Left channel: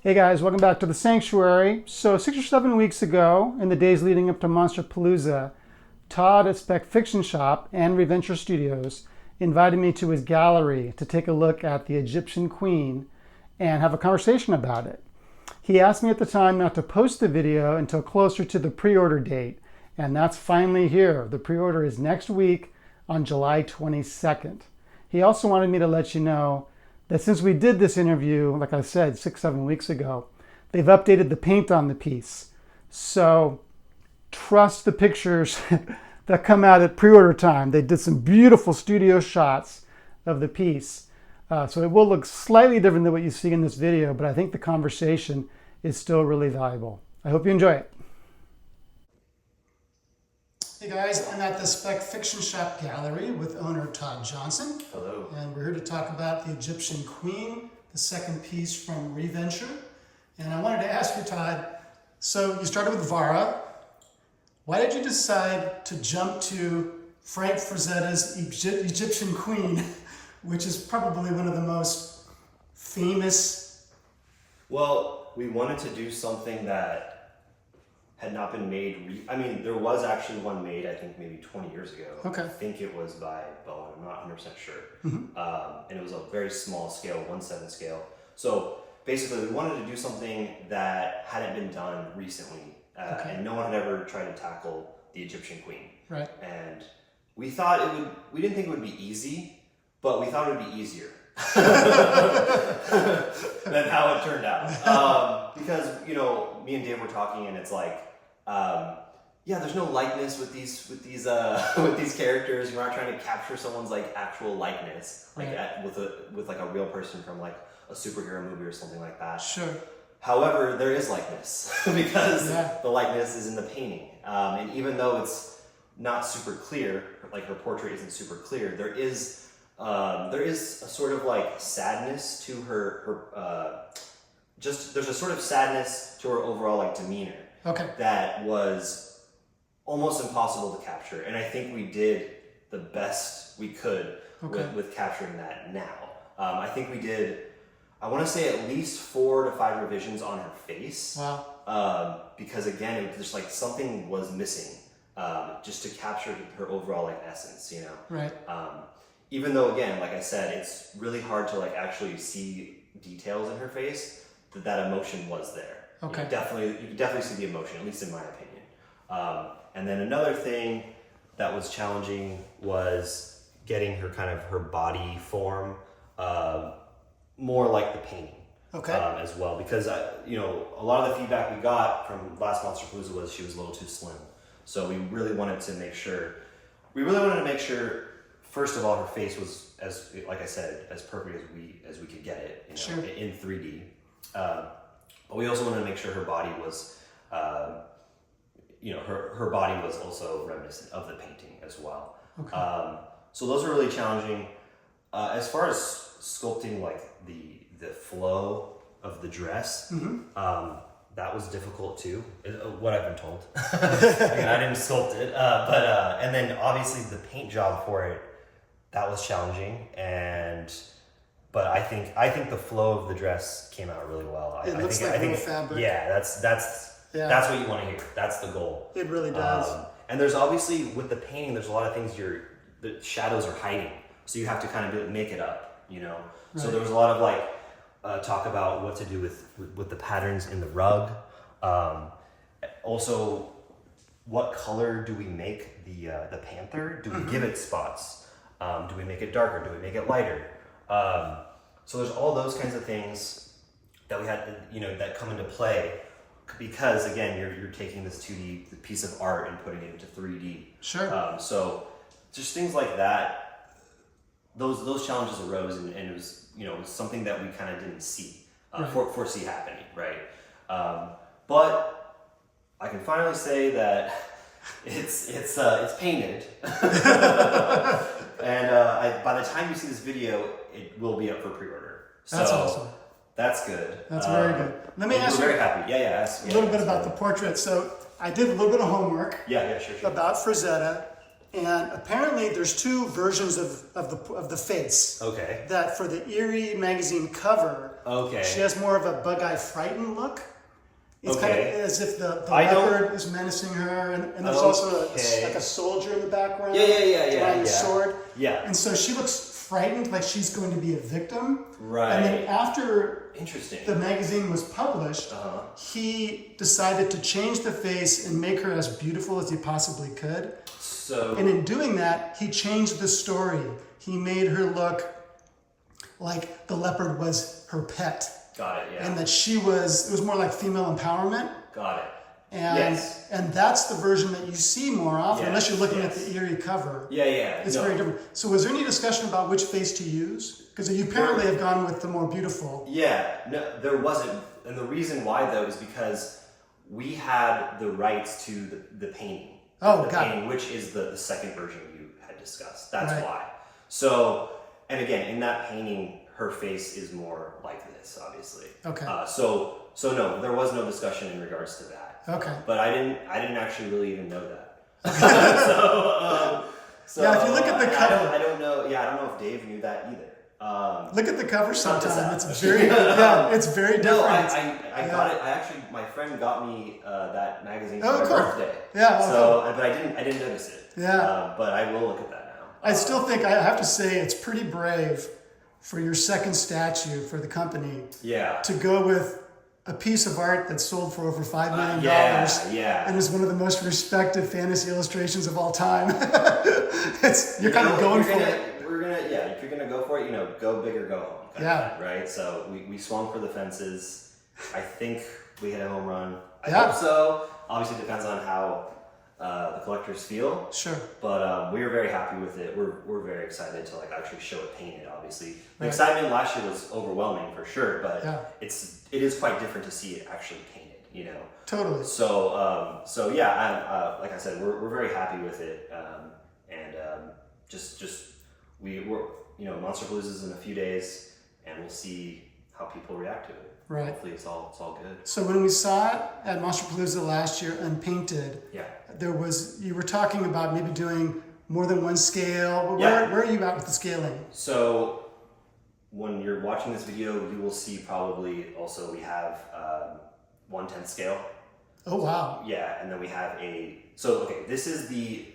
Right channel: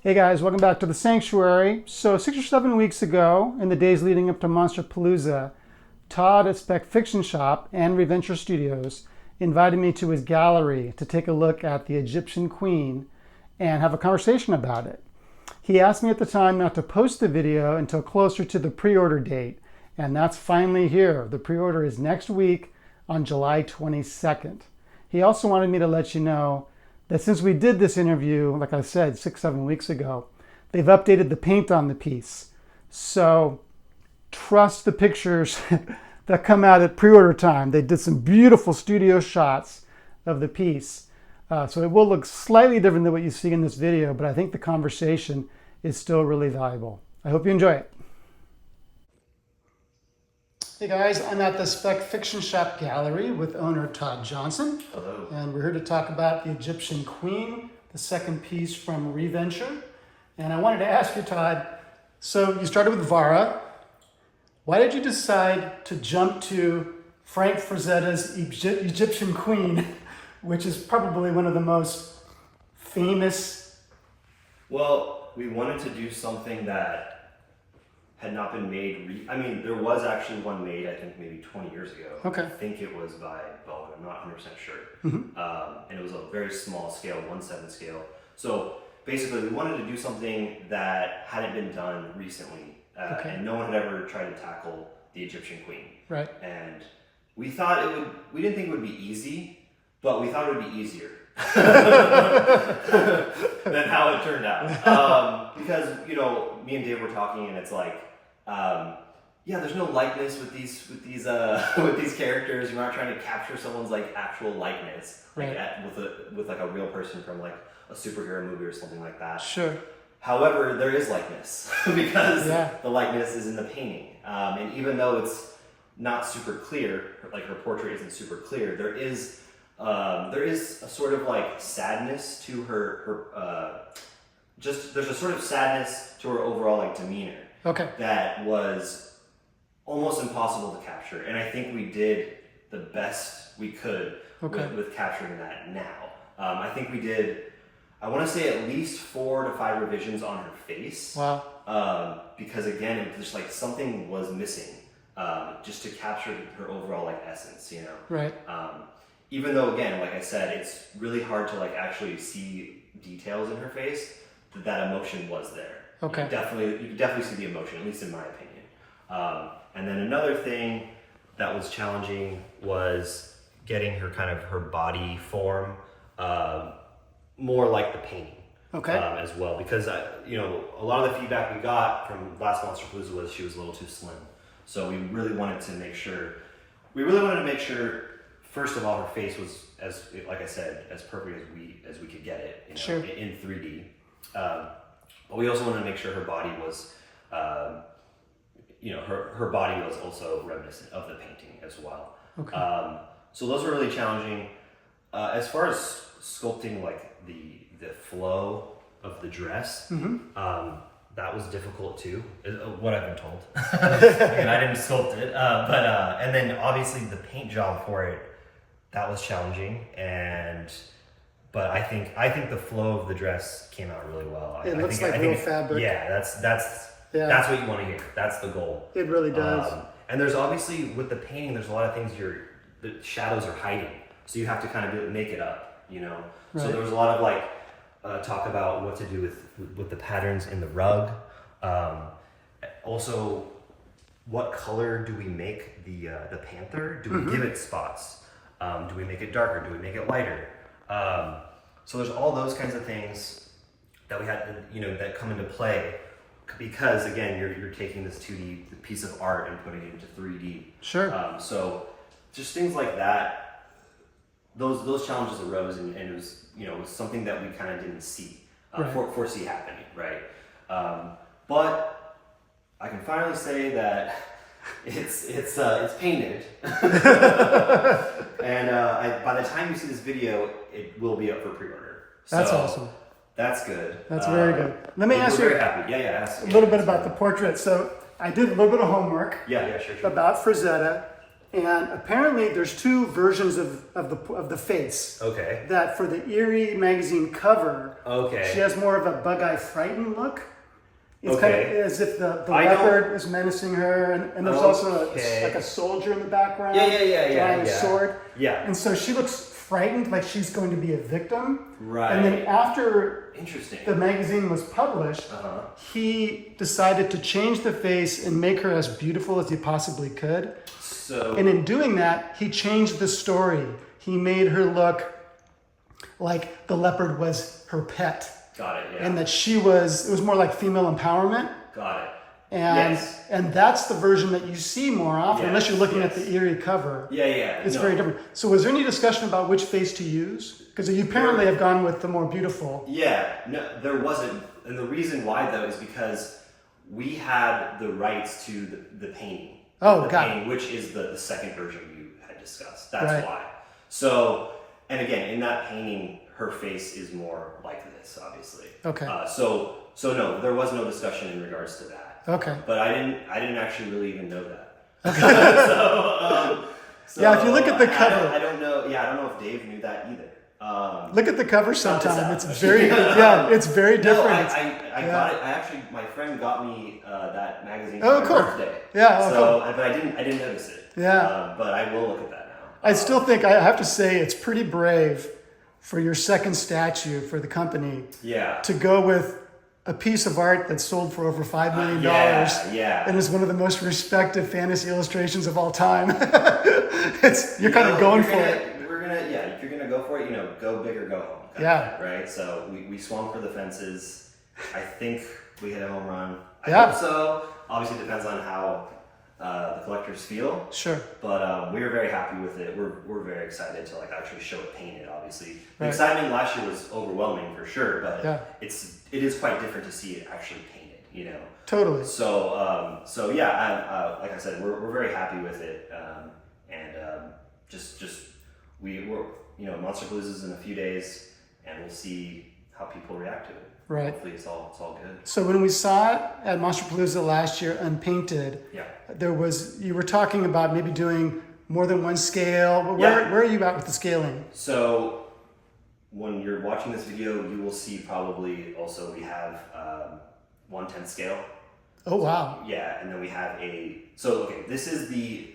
Hey guys, welcome back to the Sanctuary. So 6 or 7 weeks ago, in the days leading up to Monsterpalooza, Todd at Spec Fiction Shop and ReVenture Studios invited me to his gallery to take a look at the Egyptian Queen and have a conversation about it. He asked me at the time not to post the video until closer to the pre-order date, and that's finally here. The pre-order is next week on July 22nd. He also wanted me to let you know that since we did this interview, like I said, 6-7 weeks ago, they've updated the paint on the piece. So trust the pictures that come out at pre-order time. They did some beautiful studio shots of the piece. So it will look slightly different than what you see in this video, but I think the conversation is still really valuable. I hope you enjoy it. Hey guys, I'm at the Spec Fiction Shop Gallery with owner Todd Johnson. Hello. And we're here to talk about the Egyptian Queen, the second piece from ReVenture. And I wanted to ask you, Todd, so you started with Vara. Why did you decide to jump to Frank Frazetta's Egyptian Queen, which is probably one of the most famous? Well, we wanted to do something that had not been made. I mean, there was actually one made, I think maybe 20 years ago. Okay. I think it was by Bowen, I'm not 100% sure. And it was a very small scale, 1/7 scale. So basically we wanted to do something that hadn't been done recently. And no one had ever tried to tackle the Egyptian Queen. Right. And we thought we didn't think it would be easy, but we thought it would be easier. than how it turned out. Because, you know, me and Dave were talking and it's like, yeah, there's no likeness with these characters. We're not trying to capture someone's like actual likeness, like right. with like a real person from like a superhero movie or something like that. Sure. However, there is likeness because Yeah. the likeness is in the painting, and even though it's not super clear, like her portrait isn't super clear, there is a sort of like sadness to her there's a sort of sadness to her overall like demeanor. Okay. That was almost impossible to capture, and I think we did the best we could with capturing that now. I think we did, I want to say at least 4 to 5 revisions on her face. Wow. Because again, it was just like something was missing, just to capture her overall like essence, you know? Right. Even though, again, like I said, it's really hard to like actually see details in her face, that emotion was there. Okay. You could definitely see the emotion, at least in my opinion. And then another thing that was challenging was getting her kind of her body form more like the painting. Okay. As well, because you know, a lot of the feedback we got from last Monsterpalooza was she was a little too slim. So we really wanted to make sure. First of all, her face was, as like I said, as perfect as we could get it, you know, sure. in 3D. But we also wanted to make sure her body was, you know, her body was also reminiscent of the painting as well. Okay. So those were really challenging. As far as sculpting, like the flow of the dress, that was difficult too, what I've been told. I didn't sculpt it, and then obviously the paint job for it, that was challenging, but I think the flow of the dress came out really well. It looks like real fabric. Yeah, that's what you want to hear. That's the goal. It really does. And there's obviously, with the painting, there's a lot of things the shadows are hiding, so you have to kind of make it up, you know. Right. So there was a lot of like talk about what to do with the patterns in the rug. Also, what color do we make the panther? Do we give it spots? Do we make it darker? Do we make it lighter? So there's all those kinds of things that we had to, you know, that come into play, because again, you're taking this 2D piece of art and putting it into 3D. Sure. So just things like that. Those challenges arose, and it was, you know, it was something that we kind of didn't see foresee happening, right? But I can finally say that it's painted, and by the time you see this video, it will be up for pre-order. That's so awesome. That's good. That's very good. Let me ask you very happy. Yeah. A little bit about the portrait. So I did a little bit of homework sure. about Frazetta. And apparently there's two versions of the face. Okay. That for the Eerie magazine cover, Okay. she has more of a bug-eye frightened look. It's kind of as if the I leopard is menacing her, and there's also like a soldier in the background drawing a sword. Yeah. And so she looks frightened, like she's going to be a victim. Right. And then after Interesting. the magazine was published, he decided to change the face and make her as beautiful as he possibly could. So. And in doing that, he changed the story. He made her look like the leopard was her pet. Got it. Yeah. And that it was more like female empowerment. Got it. And that's the version that you see more often, unless you're looking at the Eerie cover. Yeah. It's very different. So was there any discussion about which face to use? Because you apparently have gone with the more beautiful. Yeah, no, there wasn't. And the reason why, though, is because we had the rights to the painting. Oh, got it. Which is the second version you had discussed. That's right. why. So, and again, in that painting, her face is more like this, obviously. Okay. So no, there was no discussion in regards to that. Okay. But I didn't actually really even know that. Okay. So yeah, if you look at the cover, I don't know. Yeah, I don't know if Dave knew that either. Look at the cover sometime. It's very it's very different. No, I got it. I actually, my friend got me that magazine for my cool. birthday. Yeah. So, but I didn't notice it. Yeah. But I will look at that now. I still think I have to say it's pretty brave for your second statue for the company. Yeah. To go with a piece of art that's sold for over $5 million. Yeah. And is one of the most respected fantasy illustrations of all time. You're kind of going for it. If you're gonna go for it, go big or go home. Yeah. Right. So we swung for the fences. I think we hit a home run. I Yeah. hope so. Obviously, it depends on how the collectors feel. Sure. But we were very happy with it. We're very excited to actually show it painted. Obviously, the Right. excitement last year was overwhelming for sure. But it is quite different to see it actually painted. Totally. So like I said, we're very happy with it. Monsterpalooza's in a few days, and we'll see how people react to it. Right. Hopefully it's all good. So when we saw it at Monsterpalooza last year, unpainted, you were talking about maybe doing more than one scale. Where are you at with the scaling? So when you're watching this video, you will see probably also we have 1/10 scale. Oh, wow. Yeah, and then we have this is the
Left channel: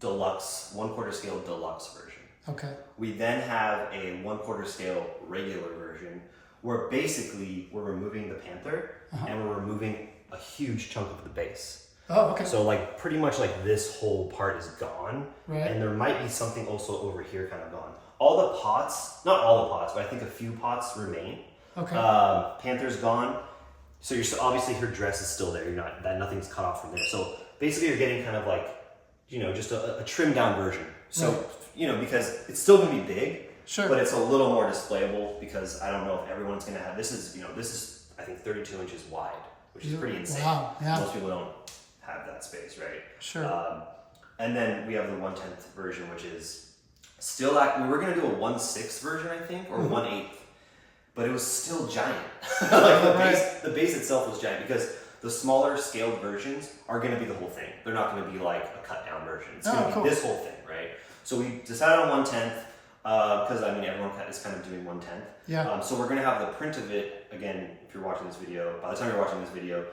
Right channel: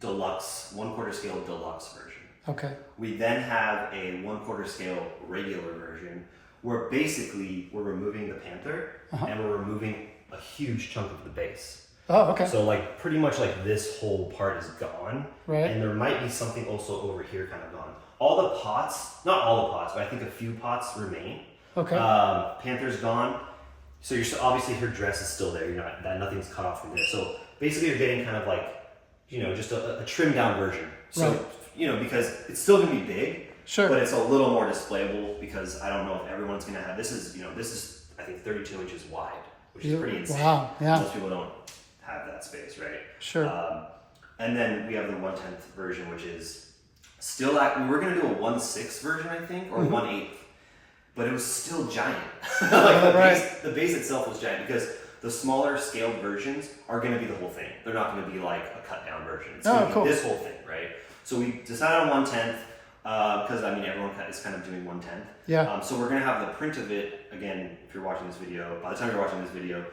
deluxe, 1/4 scale deluxe version. Okay. We then have a 1/4 scale regular version where basically we're removing the panther and we're removing a huge chunk of the base. Oh, okay. So pretty much this whole part is gone. Right. And there might be something also over here kind of gone. All the pots, not all the pots, but I think a few pots remain. Okay. Panther's gone. So obviously her dress is still there. Nothing's cut off from there. So basically you're getting kind of just a trimmed down version. So, because it's still gonna be big, sure, but it's a little more displayable because I don't know if everyone's gonna have, this is I think 32 inches wide, which is pretty insane. Wow, yeah. Most people don't have that space, right? Sure. And then we have the 1/10 version, which is still we were gonna do a 1/6 version, I think, or 1/8, but it was still giant. The base itself was giant because the smaller scaled versions are going to be the whole thing. They're not going to be like a cut down version. It's going to be this whole thing, right? So we decided on 1/10 because everyone is kind of doing 1/10. Yeah. So we're going to have the print of it again. If you're watching this video, by the time you're watching this video,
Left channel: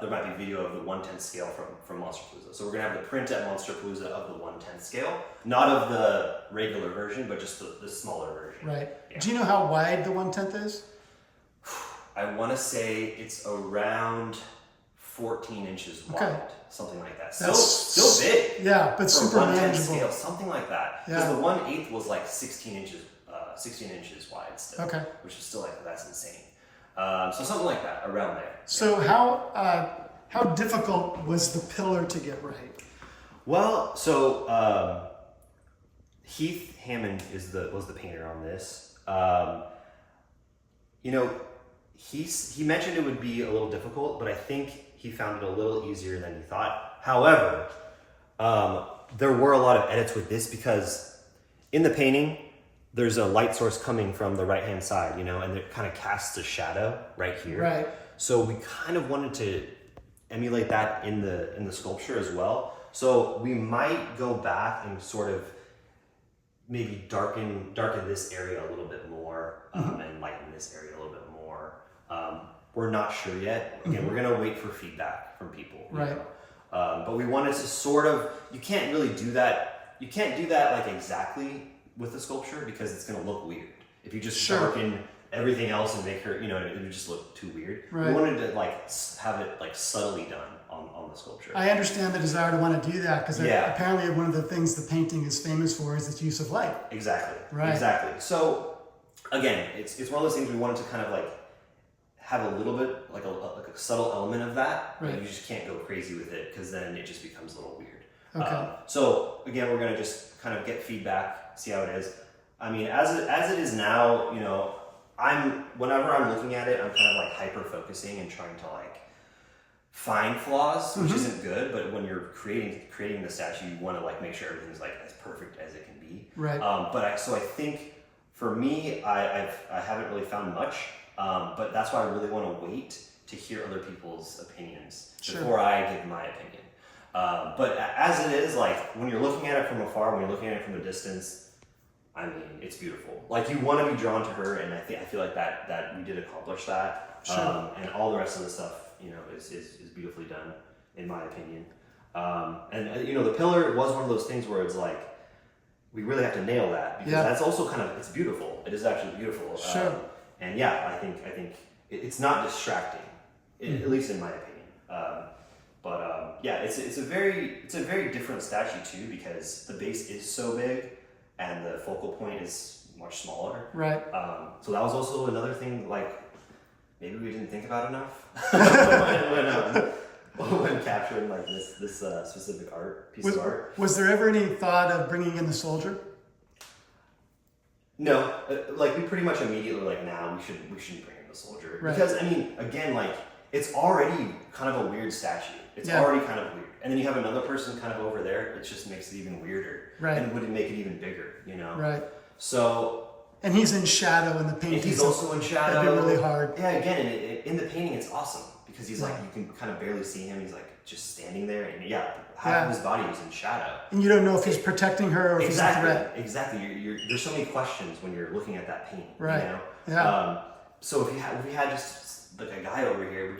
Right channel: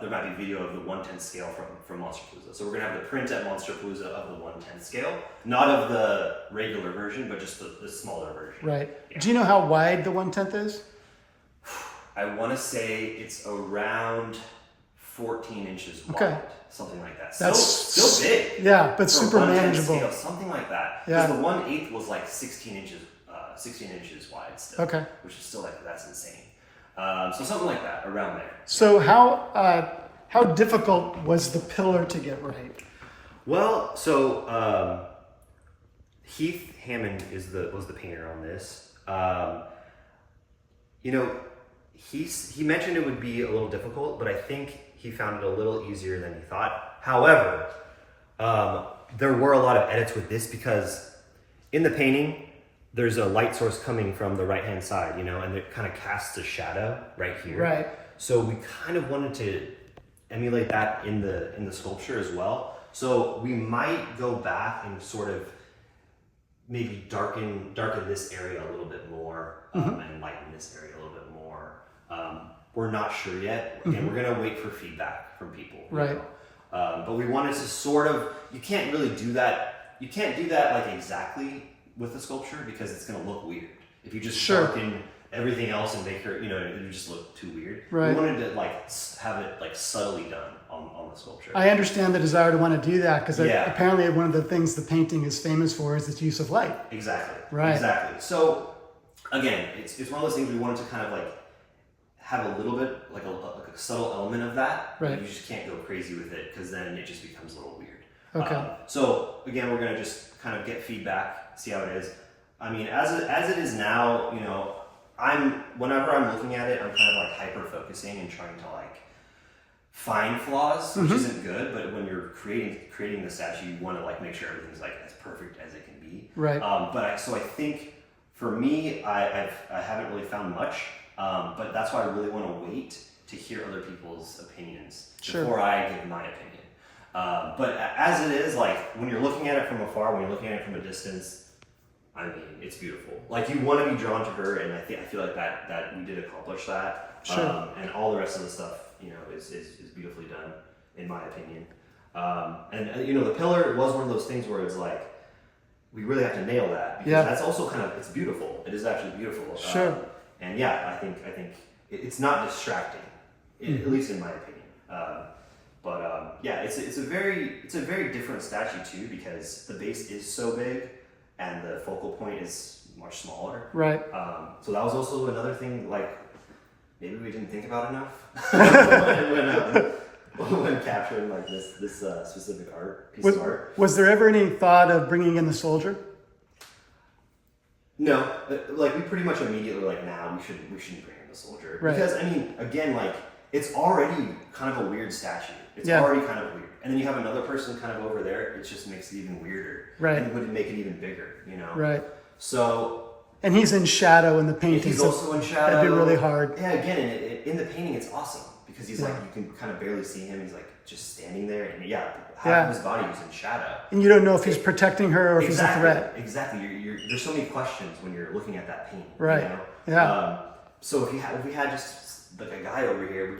there might be video of the 1/10 scale from Monsterpalooza. So we're going to have the print at Monsterpalooza of the 1/10 scale, not of the regular version, but just the smaller version. Right. Yeah. Do you know how wide the 1/10 is? I want to say it's around 14 inches wide, something like that. That's still big. Yeah, but super 1/10 manageable. Scale, something like that. Yeah. Because the 1/8 was 16 inches wide still. Okay. Which is still that's insane. So something like that, around there. So how difficult was the pillar to get right? Well, so Heath Hammond was the painter on this. He mentioned it would be a little difficult, but I think he found it a little easier than he thought. However, there were a lot of edits with this because in the painting, there's a light source coming from the right-hand side, and it kind of casts a shadow right here. Right. So we kind of wanted to emulate that in the sculpture as well. So we might go back and sort of maybe darken this area a little bit more, and lighten this area a little bit more. We're not sure yet. Again, we're gonna wait for feedback from people. Right. But we wanted to sort of, you can't really do that. You can't do that like exactly with the sculpture because it's gonna look weird. If you just darken everything else and make her, it would just look too weird. Right. We wanted to like have it like subtly done on the sculpture. I understand the desire to want to do that because apparently one of the things the painting is famous for is its use of light. Exactly. Right. Exactly. So again, it's one of those things we wanted to kind of like have a little bit like a subtle element of that. Right. You just can't go crazy with it because then it just becomes a little weird. Okay. So again, we're gonna just kind of get feedback, see how it is. I mean, as it is now, whenever I'm looking at it, I'm kind of like hyper focusing and trying to like find flaws, which isn't good. But when you're creating the statue, you want to like make sure everything's like as perfect as it can be. Right. So I think for me, I haven't really found much. But that's why I really want to wait to hear other people's opinions before I give my opinion. But as it is, like when you're looking at it from afar, when you're looking at it from a distance, I mean, it's beautiful. Like you want to be drawn to her, and I feel like that we did accomplish that. Sure. And all the rest of the stuff, is beautifully done, in my opinion. And the pillar was one of those things where it's like we really have to nail that because that's also it's beautiful. It is actually beautiful. Sure. And yeah, I think it's not distracting, at least in my opinion. It's a very different statue too because the base is so big and the focal point is much smaller. Right. So that was also another thing. Like maybe we didn't think about enough when capturing like this specific piece of art. Was there ever any thought of bringing in the soldier? No, like we pretty much immediately were like, nah, we shouldn't bring in the soldier because I mean, again, like it's already kind of a weird statue. It's already kind of weird, and then you have another person kind of over there. It just makes it even weirder, right? And would make it even bigger, Right. So, and he's in shadow in the painting. He's also in shadow. That'd be really hard. Yeah, again, in the painting, it's awesome because he's like you can kind of barely see him. He's like just standing there, and half of his body is in shadow. And you don't know if he's protecting her or if he's a threat. Exactly. There's so many questions when you're looking at that painting. Right. Yeah. So if we had just like a guy over here,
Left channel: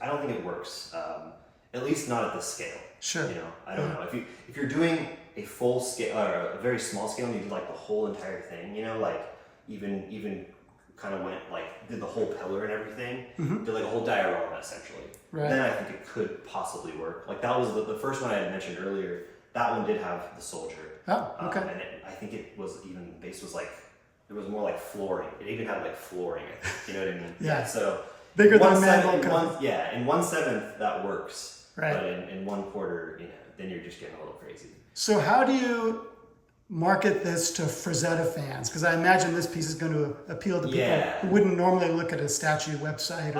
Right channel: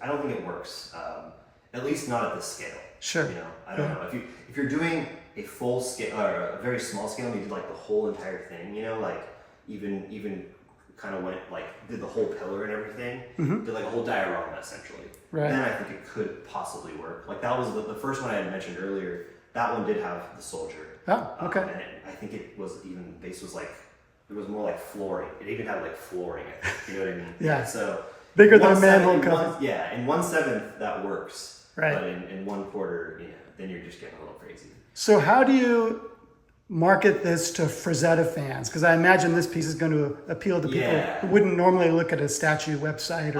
I don't think it works. At least not at this scale. Sure. I don't know if you're doing a full scale or a very small scale and you did like the whole entire thing, like even kind of did the whole pillar and everything, did like a whole diorama essentially. Right. Then I think it could possibly work. Like that was the first one I had mentioned earlier. That one did have the soldier. Oh, okay. And I think it was even the base was like there was more like flooring. It even had like flooring. I think, you know what I mean? Yeah. So bigger than a manhole cover. In 1/7 that works. Right. But in 1/4, then you're just getting a little crazy. So how do you market this to Frazetta fans? Because I imagine this piece is going to appeal to people who wouldn't normally look at a statue website.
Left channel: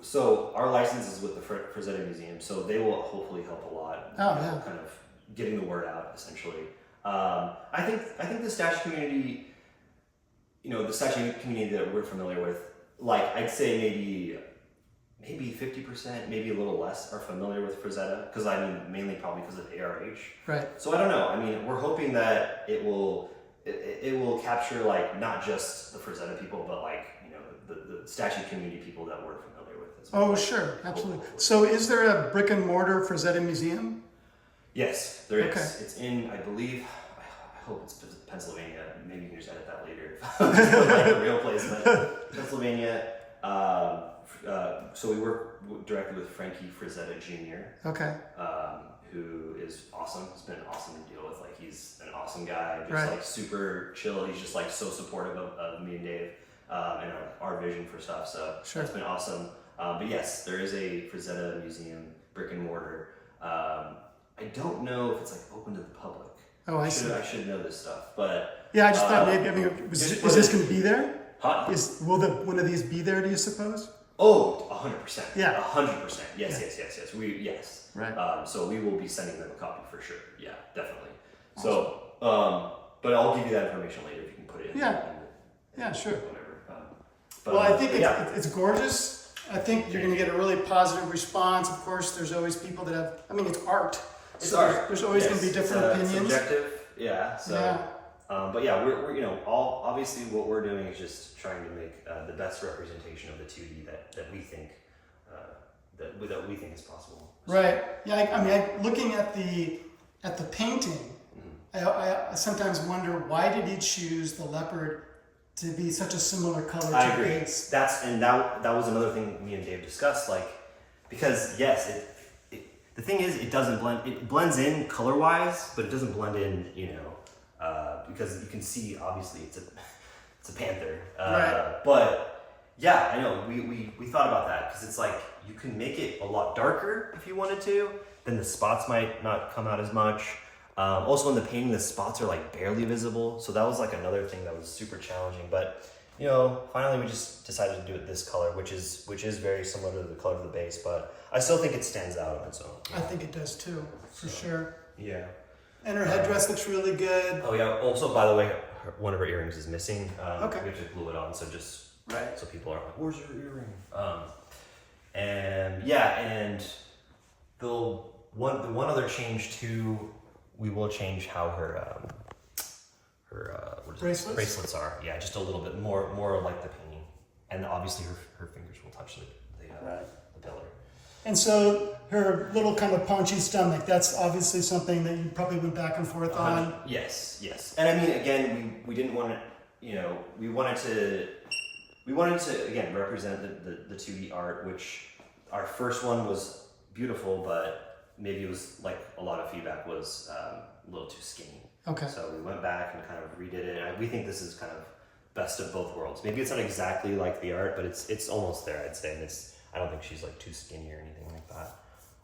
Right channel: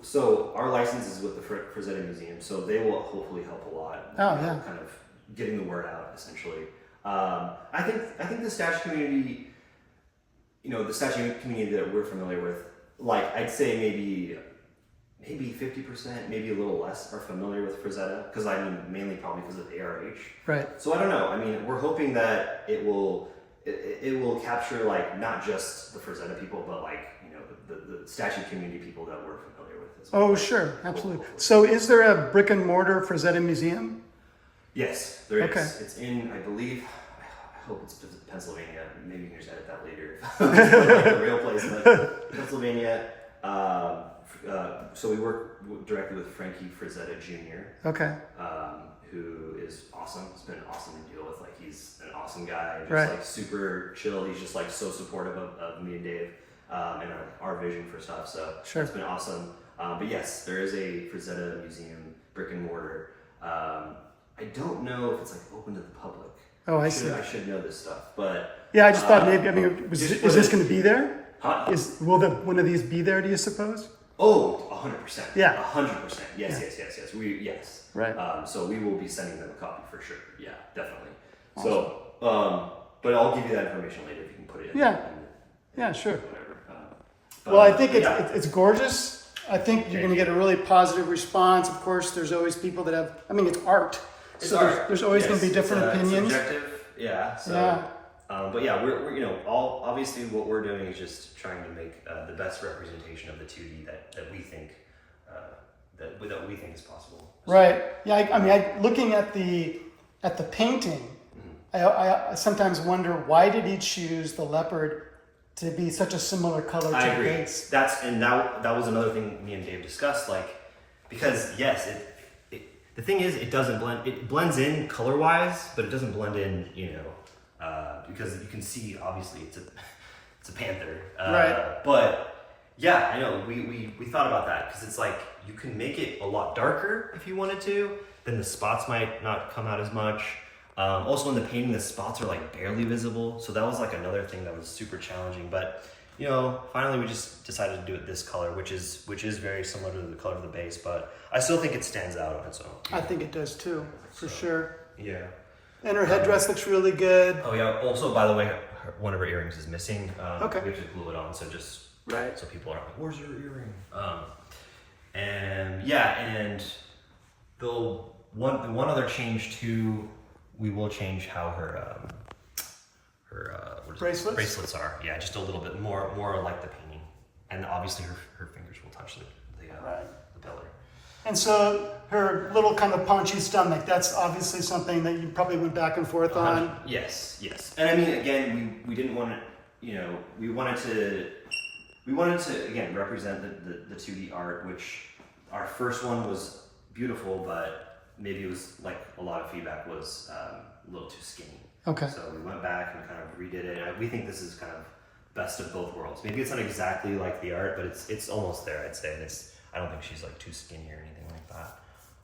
So our license is with the Frazetta Museum, so they will hopefully help a lot. Kind of getting the word out, essentially. I think the statue community, the statue community that we're familiar with, like I'd say maybe 50%, maybe a little less, are familiar with Frazetta because mainly probably because of ARH. Right. So I don't know. I mean, we're hoping that it will capture like not just the Frazetta people, but like the statue community people that we're familiar with as well. Oh, sure, absolutely. So is there a brick and mortar Frazetta museum? Yes, there is. Okay. It's in, I believe, I hope it's Pennsylvania. Maybe you can just edit that later. Like the real place, but Pennsylvania. So we work directly with Frankie Frazetta Jr. Okay. Who is awesome. It's been awesome to deal with. Like he's an awesome guy, just right. like super chill. He's just like so supportive of me and Dave and our vision for stuff. So sure. It's been awesome. But yes, there is a Frazetta museum, brick and mortar. I don't know if it's like open to the public. Oh, I see. I should know this stuff, but yeah, I just thought maybe. I mean, is this going to be there? Huh? Will one of these be there? Do you suppose? Oh, 100%. Yeah. 100%. Yes. Yes. Right. So we will be sending them a copy for sure. Yeah, definitely. Awesome. So, but I'll give you that information later if you can put it in. Yeah. Yeah, sure. Whatever. Well, I think it's gorgeous. I think you're going to get a really positive response. Of course, there's always people that have, I mean, it's art. It's so art. There's always going to be different opinions. It's subjective, yeah. So, Yeah. But yeah, we're obviously what we're doing is just trying to make the best representation of the 2D that we think that we think is possible. Right. Yeah. I mean, looking at the painting, I sometimes wonder, why did he choose the leopard to be such a similar color to the base? That was another thing me and Dave discussed, because yes, the thing is, it doesn't blend. It blends in color wise, but it doesn't blend in, because you can see obviously it's a panther. Right. But yeah, I know we thought about that, because it's like you can make it a lot darker if you wanted to. Then the spots might not come out as much. Also in the painting, the spots are like barely visible. So that was like another thing that was super challenging. But finally we just decided to do it this color, which is very similar to the color of the base, but I still think it stands out on its own. I think it does too, for sure. Yeah. And her headdress looks really good. Oh yeah. Also, by the way, one of her earrings is missing. Okay. We have to glue it on, so just right. So people are like, "Where's her earring?" And yeah, and the one other change too, we will change how her bracelets are. Yeah, just a little bit more like the painting, and obviously her fingers will touch the belly. And so her little kind of paunchy stomach, that's obviously something that you probably went back and forth on. Yes. And I mean, again, we didn't want to, we wanted to again represent the 2D art, which our first one was beautiful, but maybe it was like a lot of feedback was a little too skinny. Okay. So we went back and kind of redid it. And we think this is kind of best of both worlds. Maybe it's not exactly like the art, but it's almost there, I'd say. And I don't think she's like too skinny or anything like that.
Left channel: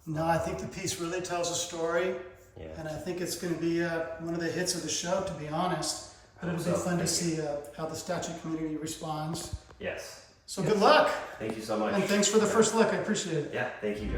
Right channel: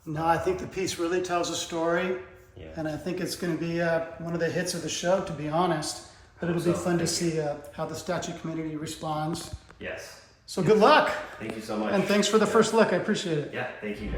No, I think the piece really tells a story. Yeah. And I think it's going to be one of the hits of the show, to be honest. But it'll be fun to see how the statue community responds. Yes. So good luck. Thank you so much. And thanks for the first look. I appreciate it. Yeah, thank you.